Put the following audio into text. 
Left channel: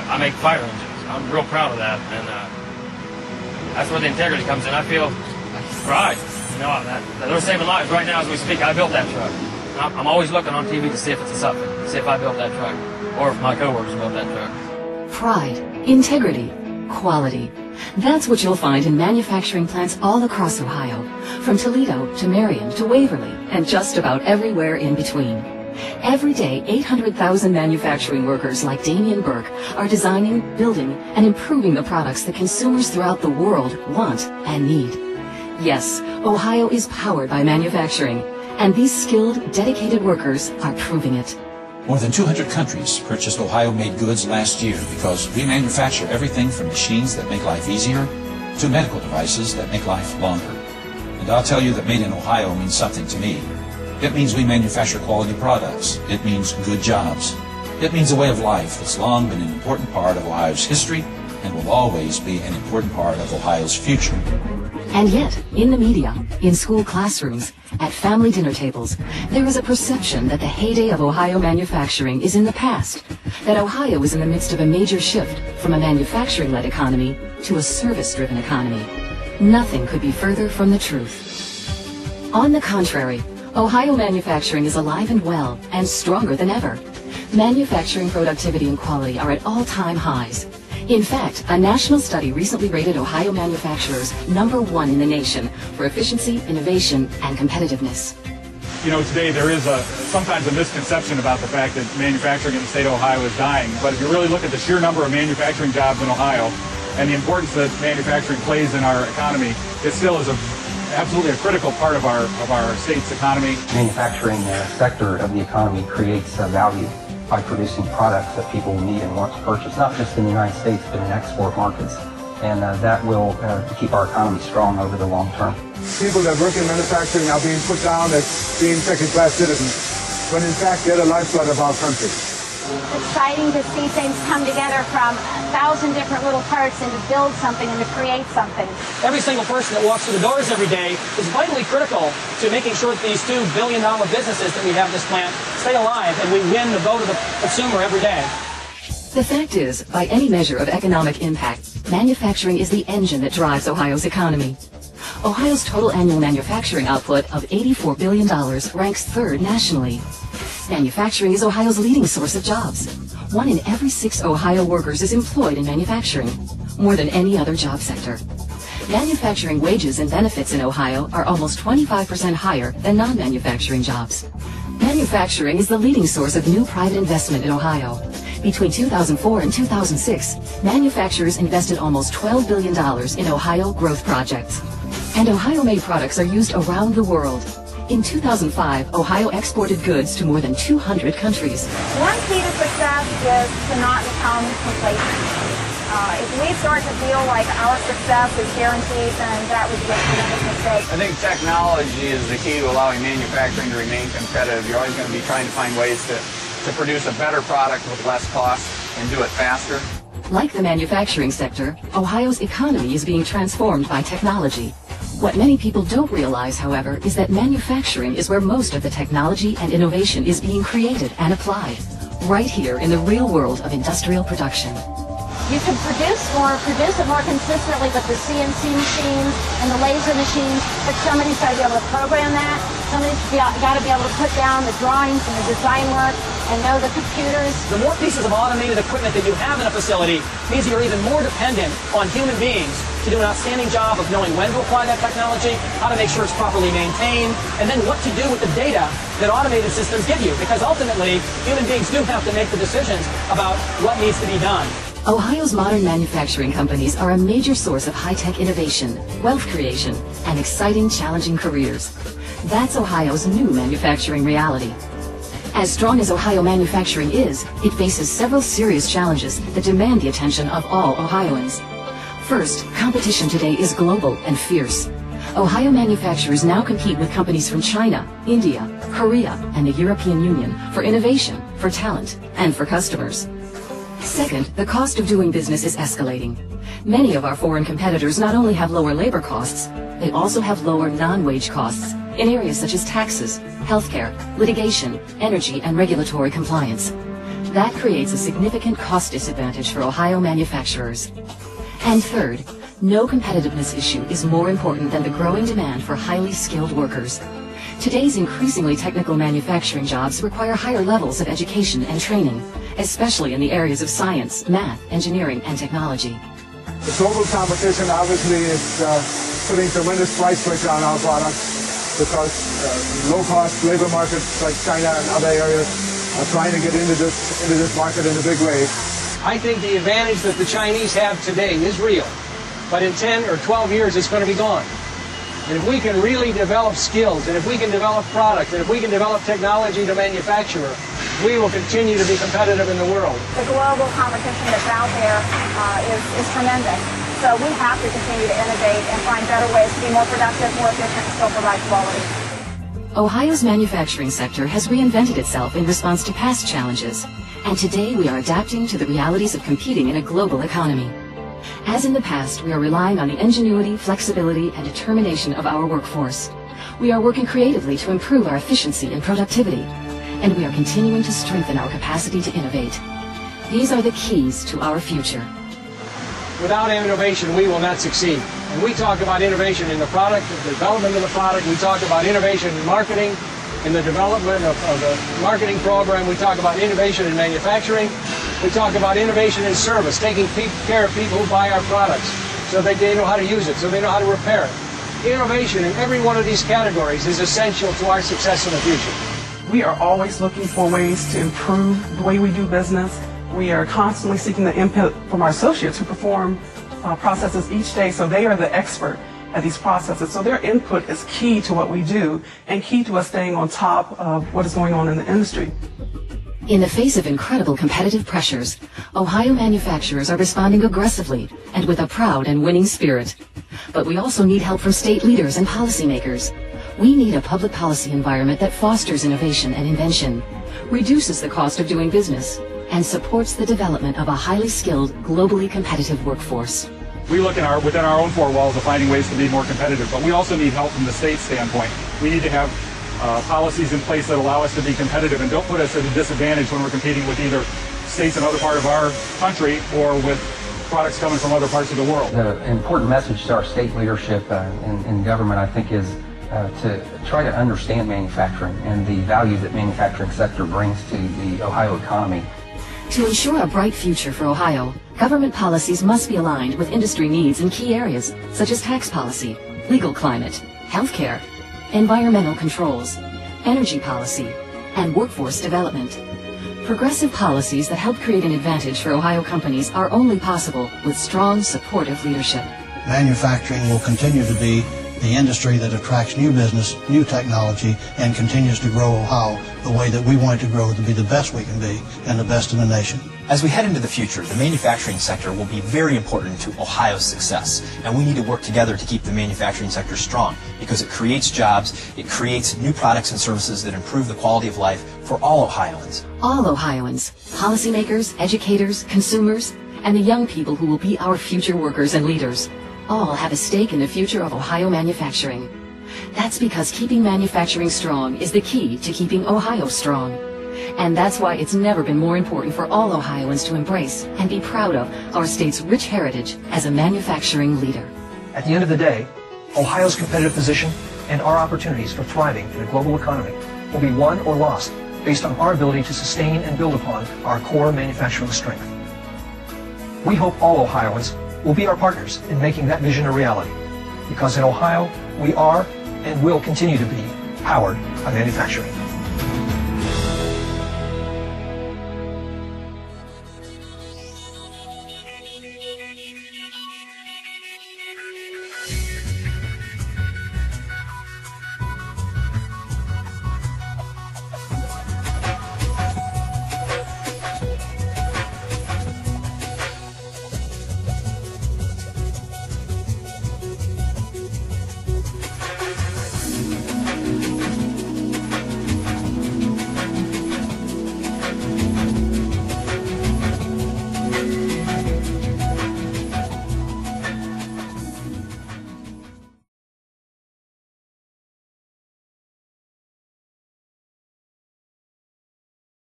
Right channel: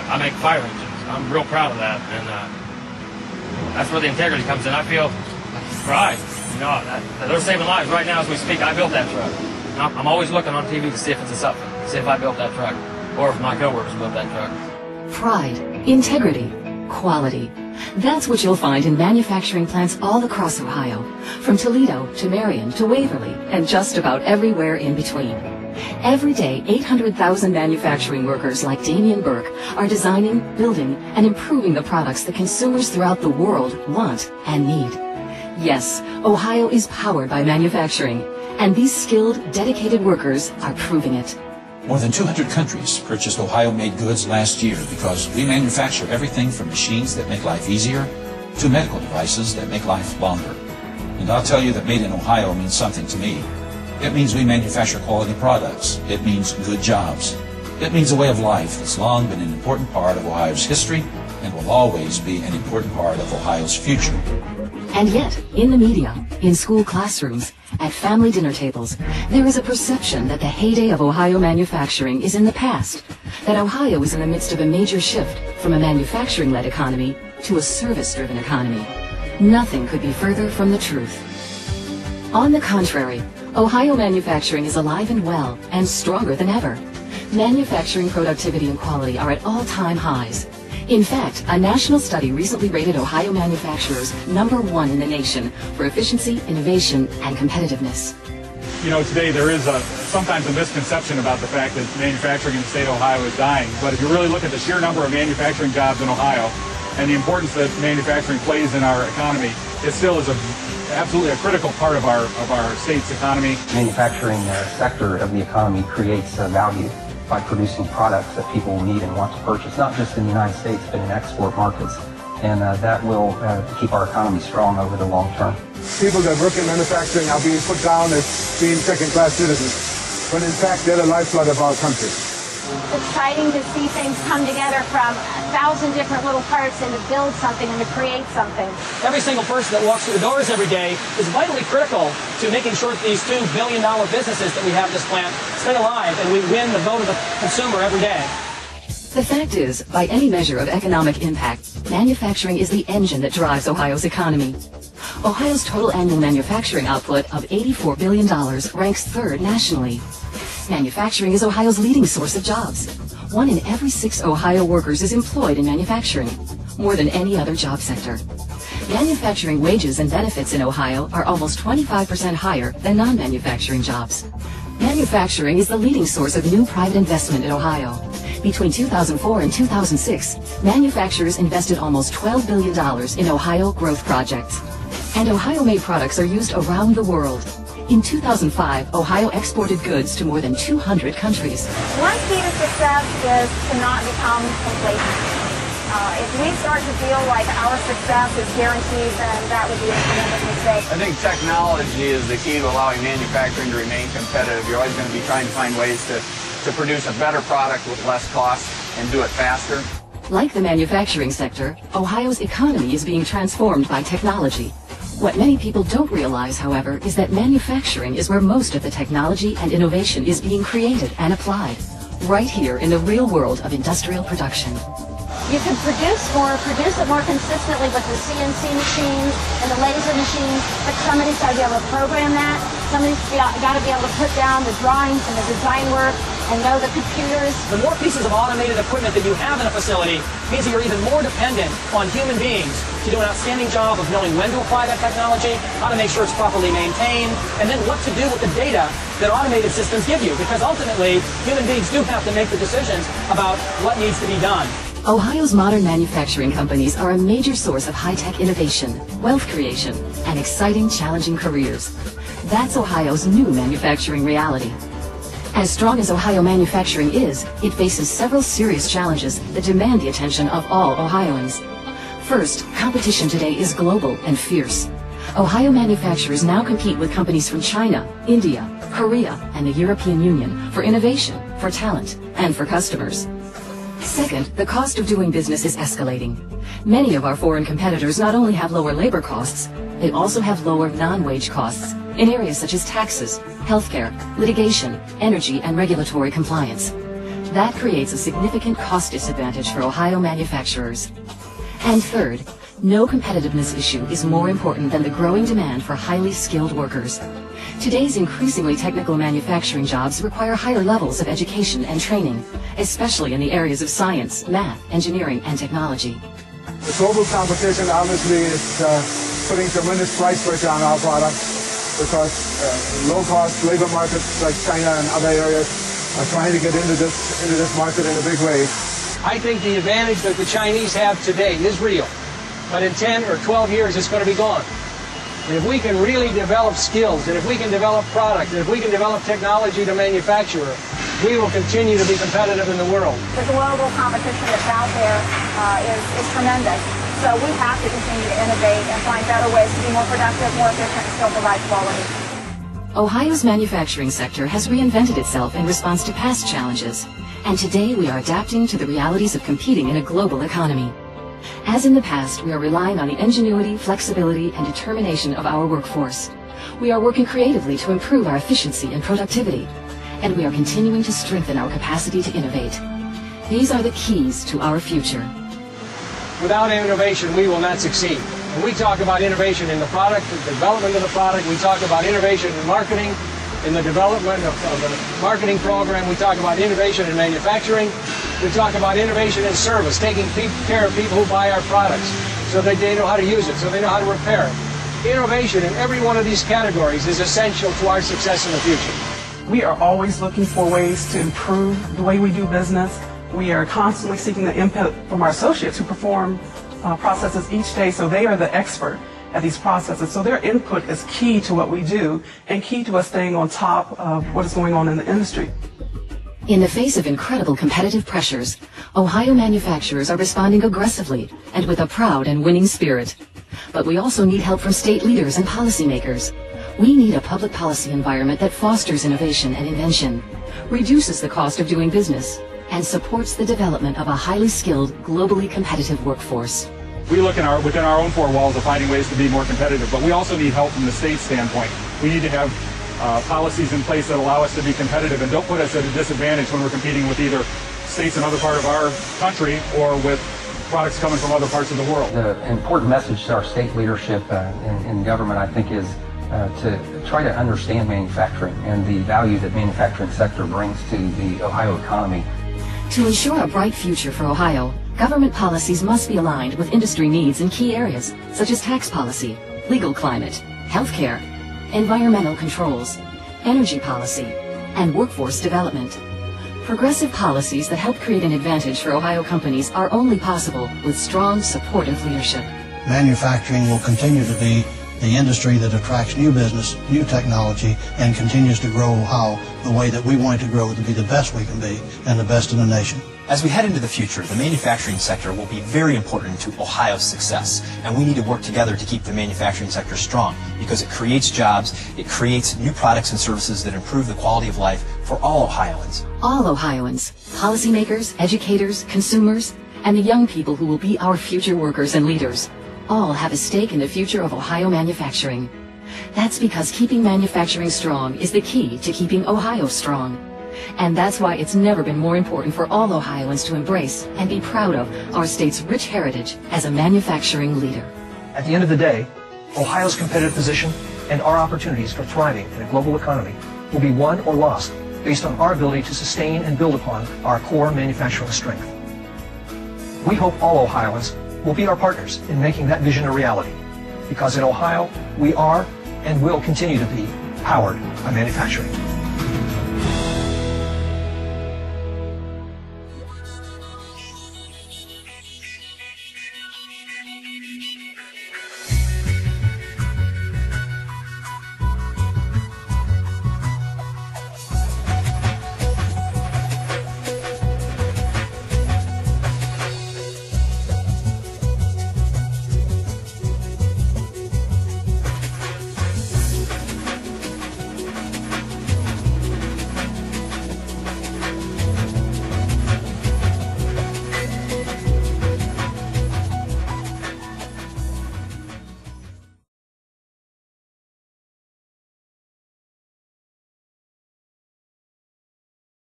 I make fire engines. I'm real proud of that, and that's where the integrity comes in. I feel pride. You know, that they're saving lives right now as we speak. I built that truck. And I'm always looking on TV to see if it's a something, to see if I built that truck, or if my coworkers built that truck. Pride, integrity, quality. That's what you'll find in manufacturing plants all across Ohio, from Toledo to Marion to Waverly, and just about everywhere in between. Every day, 800,000 manufacturing workers like Damian Burke are designing, building, and improving the products that consumers throughout the world want and need. Yes, Ohio is powered by manufacturing, and these skilled, dedicated workers are proving it. More than 200 countries purchased Ohio-made goods last year because we manufacture everything from machines that make life easier to medical devices that make life longer. And I'll tell you that made in Ohio means something to me. It means we manufacture quality products. It means good jobs. It means a way of life that's long been an important part of Ohio's history and will always be an important part of Ohio's future. And yet, in the media, in school classrooms, at family dinner tables, there is a perception that the heyday of Ohio manufacturing is in the past, that Ohio is in the midst of a major shift from a manufacturing-led economy to a service-driven economy. Nothing could be further from the truth. On the contrary, Ohio manufacturing is alive and well and stronger than ever. Manufacturing productivity and quality are at all-time highs. In fact, a national study recently rated Ohio manufacturers #1 in the nation for efficiency, innovation, and competitiveness. You know, today there is sometimes a misconception about the fact that manufacturing in the state of Ohio is dying. But if you really look at the sheer number of manufacturing jobs in Ohio and the importance that manufacturing plays in our economy, it still is absolutely a critical part of our state's economy. Manufacturing sector of the economy creates value by producing products that people need and want to purchase, not just in the United States, but in export markets. And that will keep our economy strong over the long term. People that work in manufacturing are being put down as being second-class citizens, when in fact they're the lifeblood of our country. It's exciting to see things come together from 1,000 different little parts and to build something and to create something. Every single person that walks through the doors every day is vitally critical to making sure that these $2 billion businesses that we have this plant stay alive and we win the vote of the consumer every day. The fact is, by any measure of economic impact, manufacturing is the engine that drives Ohio's economy. Ohio's total annual manufacturing output of $84 billion ranks 3rd nationally. Manufacturing is Ohio's leading source of jobs. 1 in every 6 Ohio workers is employed in manufacturing, more than any other job sector. Manufacturing wages and benefits in Ohio are almost 25% higher than non-manufacturing jobs. Manufacturing is the leading source of new private investment in Ohio. Between 2004 and 2006, manufacturers invested almost $12 billion in Ohio growth projects. And Ohio-made products are used around the world. In 2005, Ohio exported goods to more than 200 countries. One key to success is to not become complacent. If we start to feel like our success is guaranteed, then that would be a tremendous mistake. I think technology is the key to allowing manufacturing to remain competitive. You're always going to be trying to find ways to produce a better product with less cost and do it faster. Like the manufacturing sector, Ohio's economy is being transformed by technology. What many people don't realize, however, is that manufacturing is where most of the technology and innovation is being created and applied, right here in the real world of industrial production. You can produce it more consistently with the CNC machines and the laser machines, but somebody's got to be able to program that. Somebody's got to be able to put down the drawings and the design work and know the computers. The more pieces of automated equipment that you have in a facility means you're even more dependent on human beings to do an outstanding job of knowing when to apply that technology, how to make sure it's properly maintained, and then what to do with the data that automated systems give you. Because ultimately, human beings do have to make the decisions about what needs to be done. Ohio's modern manufacturing companies are a major source of high-tech innovation, wealth creation, and exciting, challenging careers. That's Ohio's new manufacturing reality. As strong as Ohio manufacturing is, it faces several serious challenges that demand the attention of all Ohioans. First, competition today is global and fierce. Ohio manufacturers now compete with companies from China, India, Korea, and the European Union for innovation, for talent, and for customers. Second, the cost of doing business is escalating. Many of our foreign competitors not only have lower labor costs, they also have lower non-wage costs in areas such as taxes, healthcare, litigation, energy, and regulatory compliance. That creates a significant cost disadvantage for Ohio manufacturers. And third, no competitiveness issue is more important than the growing demand for highly skilled workers. Today's increasingly technical manufacturing jobs require higher levels of education and training, especially in the areas of science, math, engineering, and technology. The global competition obviously is putting tremendous price pressure on our products because low-cost labor markets like China and other areas are trying to get into this market in a big way. I think the advantage that the Chinese have today is real, but in 10 or 12 years it's going to be gone. And if we can really develop skills, and if we can develop product, and if we can develop technology to manufacture, we will continue to be competitive in the world. The global competition that's out there is tremendous. So we have to continue to innovate and find better ways to be more productive, more efficient, and still provide quality. Ohio's manufacturing sector has reinvented itself in response to past challenges, and today we are adapting to the realities of competing in a global economy. As in the past, we are relying on the ingenuity, flexibility, and determination of our workforce. We are working creatively to improve our efficiency and productivity, and we are continuing to strengthen our capacity to innovate. These are the keys to our future. Without innovation, we will not succeed. When we talk about innovation in the product, the development of the product, we talk about innovation in marketing, in the development of the marketing program, we talk about innovation in manufacturing, we talk about innovation in service, taking care of people who buy our products so that they know how to use it, so they know how to repair it. Innovation in every one of these categories is essential to our success in the future. We are always looking for ways to improve the way we do business. We are constantly seeking the input from our associates who perform processes each day, so they are the expert at these processes. So their input is key to what we do and key to us staying on top of what is going on in the industry. In the face of incredible competitive pressures, Ohio manufacturers are responding aggressively and with a proud and winning spirit. But we also need help from state leaders and policymakers. We need a public policy environment that fosters innovation and invention, reduces the cost of doing business, and supports the development of a highly skilled, globally competitive workforce. We look within our own four walls of finding ways to be more competitive, but we also need help from the state standpoint. We need to have policies in place that allow us to be competitive and don't put us at a disadvantage when we're competing with either states in other part of our country or with products coming from other parts of the world. The important message to our state leadership in government, I think, is to try to understand manufacturing and the value that manufacturing sector brings to the Ohio economy. To ensure a bright future for Ohio, government policies must be aligned with industry needs in key areas such as tax policy, legal climate, healthcare, environmental controls, energy policy, and workforce development. Progressive policies that help create an advantage for Ohio companies are only possible with strong, supportive leadership. Manufacturing will continue to be the industry that attracts new business, new technology, and continues to grow Ohio the way that we want it to grow, to be the best we can be and the best in the nation. As we head into the future, the manufacturing sector will be very important to Ohio's success, and we need to work together to keep the manufacturing sector strong because it creates jobs, it creates new products and services that improve the quality of life for all Ohioans. All Ohioans, policymakers, educators, consumers, and the young people who will be our future workers and leaders, all have a stake in the future of Ohio manufacturing. That's because keeping manufacturing strong is the key to keeping Ohio strong. And that's why it's never been more important for all Ohioans to embrace and be proud of our state's rich heritage as a manufacturing leader. At the end of the day, Ohio's competitive position and our opportunities for thriving in a global economy will be won or lost based on our ability to sustain and build upon our core manufacturing strength. We hope all Ohioans will be our partners in making that vision a reality, because in Ohio we are and will continue to be powered by manufacturing.